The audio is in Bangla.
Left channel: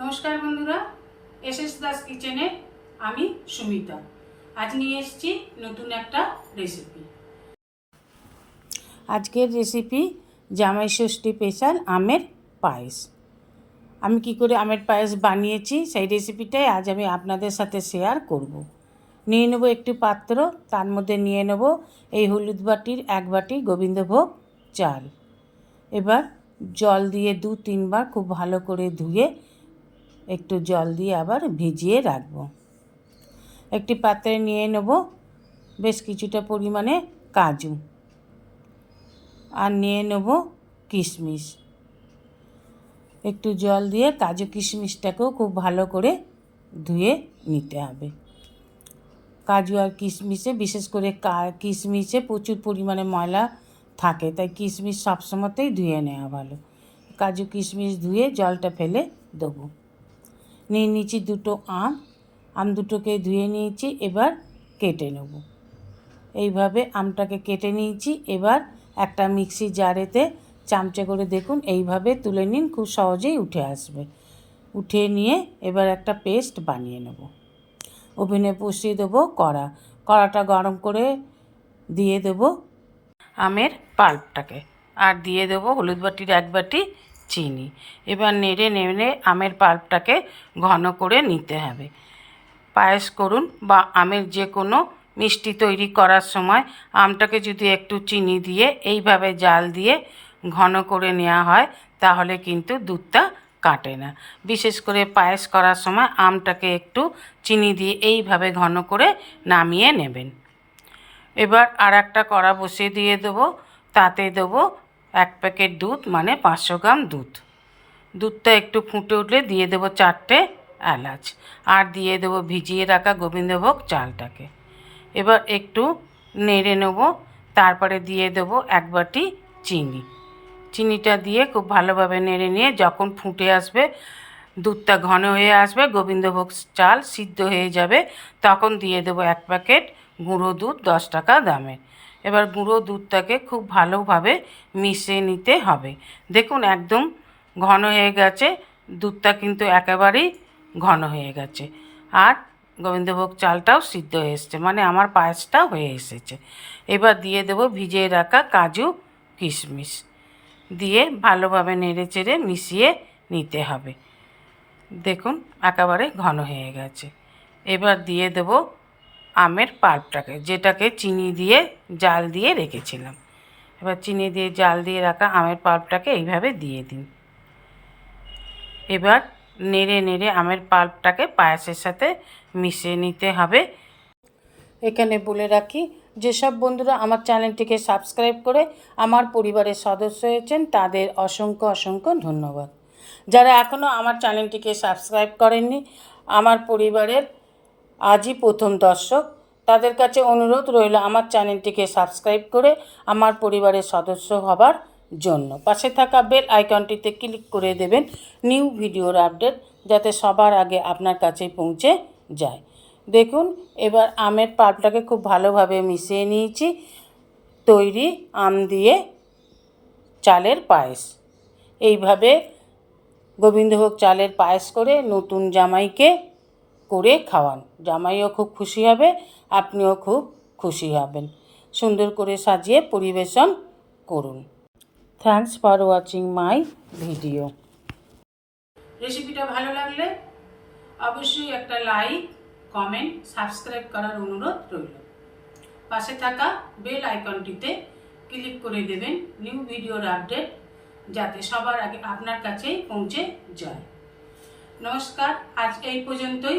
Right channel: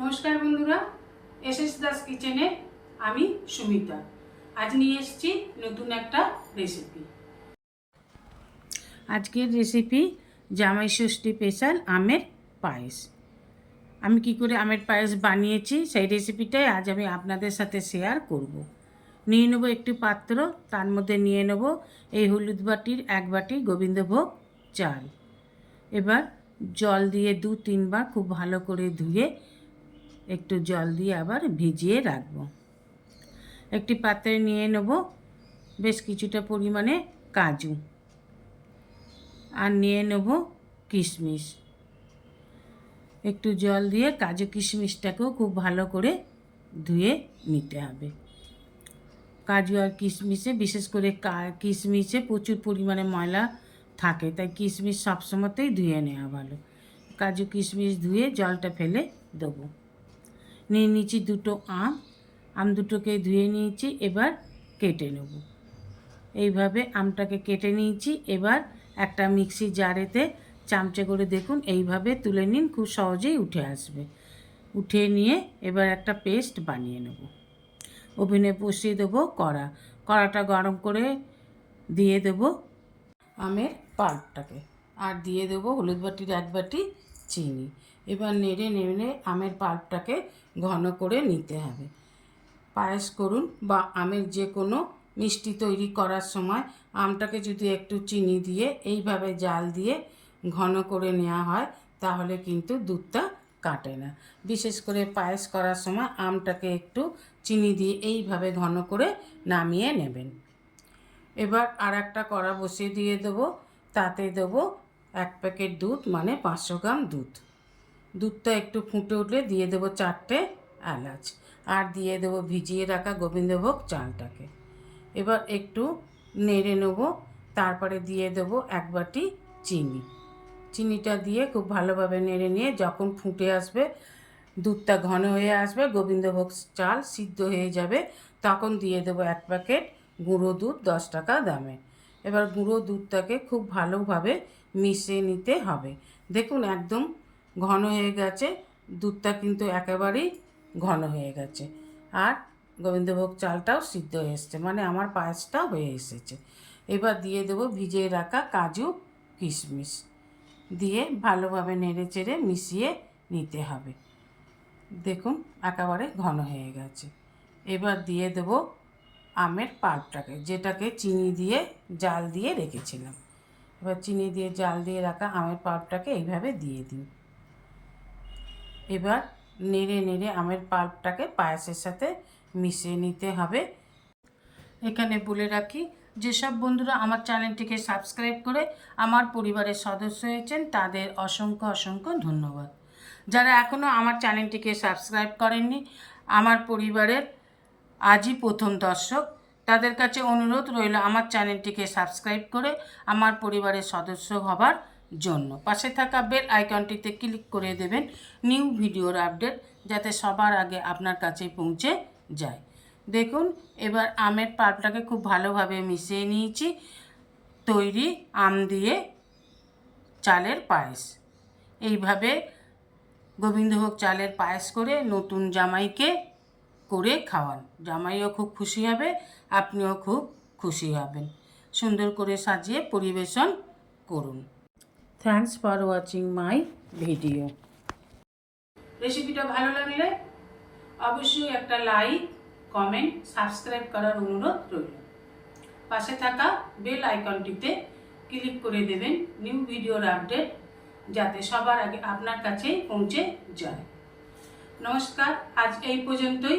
নমস্কার বন্ধুরা এস এস দাস কিচেনে আমি সুমিতা। আজ নিয়ে এসেছি নতুন একটা রেসিপি আজকের রেসিপি জামাই ষষ্ঠী স্পেশাল আমের পায়েস। আমি কি করে আমের পায়েস বানিয়েছি সেই রেসিপিটাই আজ আমি আপনাদের সাথে শেয়ার করব। নিয়ে নেব একটি পাত্র, তার মধ্যে নিয়ে নেব এই হলুদ বাটির এক বাটি গোবিন্দভোগ চাল। এবার জল দিয়ে দু তিনবার খুব ভালো করে ধুয়ে একটু জল দিয়ে আবার ভিজিয়ে রাখব। একটি পাত্রে নিয়ে নেব বেশ কিছুটা পরিমাণে কাজু। আর নিয়ে নেব কিশমিশ। একটু জল দিয়ে কাজু কিশমিশটাকেও খুব ভালো করে ধুয়ে নিতে হবে। কাজু আর কিশমিশে, বিশেষ করে কিশমিশে প্রচুর পরিমাণে ময়লা থাকে, তাই কিশমিশ সবসময়তেই ধুয়ে নেওয়া ভালো। কাজু কিশমিশ ধুয়ে জলটা ফেলে দেবো। নিয়ে নিয়েছি দুটো আম। আম দুটোকে ধুয়ে নিয়েছি, এবার কেটে নেব। এইভাবে আমটাকে কেটে নিয়েছি। এবার একটা মিক্সি জারেতে চামচে করে দেখুন, এইভাবে তুলে নিন, খুব সহজেই উঠে আসবে। উঠে নিয়ে এবার একটা পেস্ট বানিয়ে নেব। ওভেনে বসিয়ে দেবো কড়া। কড়াটা গরম করে দিয়ে দেবো আমের পাল্পটাকে। আর দিয়ে দেবো হলুদ বাটির এক বাটি চিনি। এবার নেড়ে নেড়ে আমের পাল্পটাকে ঘন করে নিতে হবে। পায়েস করুন বা আমের যে কোনো মিষ্টি তৈরি করার সময় আমটাকে যদি একটু চিনি দিয়ে এইভাবে জাল দিয়ে ঘন করে নেওয়া হয়, তাহলে কিন্তু দুধটা কাটে না। বিশেষ করে পায়েস করার সময় আমটাকে একটু চিনি দিয়ে এইভাবে ঘন করে নামিয়ে নেবেন। এবার আর একটা কড়া বসিয়ে দিয়ে দেবো। তাতে দেবো এক প্যাকেট দুধ মানে পাঁচশো গ্রাম দুধ। দুধটা একটু ফুটে উঠলে দিয়ে দেবো চারটে এলাচ আর দিয়ে দেবো ভিজিয়ে রাখা গোবিন্দভোগ চালটাকে। এবার একটু নেড়ে নেব, তারপরে দিয়ে দেবো এক বাটি চিনি। চিনিটা দিয়ে খুব ভালোভাবে নেড়ে নিয়ে যখন ফুটে আসবে, দুধটা ঘন হয়ে আসবে, গোবিন্দভোগ চাল সিদ্ধ হয়ে যাবে, তখন দিয়ে দেবো এক প্যাকেট গুঁড়ো দুধ দশ টাকা দামের। এবার গুঁড়ো দুধটাকে খুব ভালোভাবে মিশিয়ে নিতে হবে। দেখুন, একদম ঘন হয়ে গেছে। দুধটা কিন্তু একেবারেই ঘন হয়ে গেছে। আর গোবিন্দভোগ চালটাও সিদ্ধ হয়ে এসছে মানে আমার পায়েসটা হয়ে এসেছে। এবার দিয়ে দেবো ভিজিয়ে রাখা কাজু কিশমিশ। দিয়ে ভালোভাবে নেড়ে চেড়ে মিশিয়ে নিতে হবে। দেখুন, একেবারে ঘন হয়ে গেছে। এবার দিয়ে দেবো আমের পাল্পটাকে যেটাকে চিনি দিয়ে জাল দিয়ে রেখেছিলাম। এবার চিনি দিয়ে জাল দিয়ে রাখা আমের পাল্পটাকে এইভাবে দিয়ে দিন। এবার নেড়ে নেড়ে আমের পাল্পটাকে পায়েসের সাথে মিশিয়ে নিতে হবে। এখানে বলে রাখি, যেসব বন্ধুরা আমার চ্যানেলটিকে সাবস্ক্রাইব করে আমার পরিবারের সদস্য হয়েছেন, তাদের অসংখ্য অসংখ্য ধন্যবাদ। যারা এখনও আমার চ্যানেলটিকে সাবস্ক্রাইব করেননি, আমার পরিবারের আজই প্রথম দর্শক। তাদের কাছে অনুরোধ রইল আমার চ্যানেলটিকে সাবস্ক্রাইব করে আমার পরিবারের সদস্য হবার জন্য। পাশে থাকা বেল আইকনটিতে ক্লিক করে দেবেন নিউ ভিডিওর আপডেট যাতে সবার আগে আপনার কাছে পৌঁছে যায়। দেখুন, এবার আমের পাল্পটাকে খুব ভালোভাবে মিশিয়ে নিয়েছি। তৈরি আম দিয়ে চালের পায়েস। এইভাবে গোবিন্দভোগ চালের পায়েস করে নতুন জামাইকে করে খাওয়ান। জামাইও খুব খুশি হবে, আপনিও খুব খুশি হবেন। সুন্দর করে সাজিয়ে পরিবেশন করুন। Thanks for watching my video রেসিপিটা ভালো লাগলে অবশ্যই একটা লাইক কমেন্ট সাবস্ক্রাইব করার অনুরোধ রইল। পাশে থাকা বেল আইকনটিতে ক্লিক করে দেবেন নিউ ভিডিওর আপডেট যাতে সবার আগে আপনার কাছেই পৌঁছে যায়। নমস্কার, আজ এই পর্যন্তই।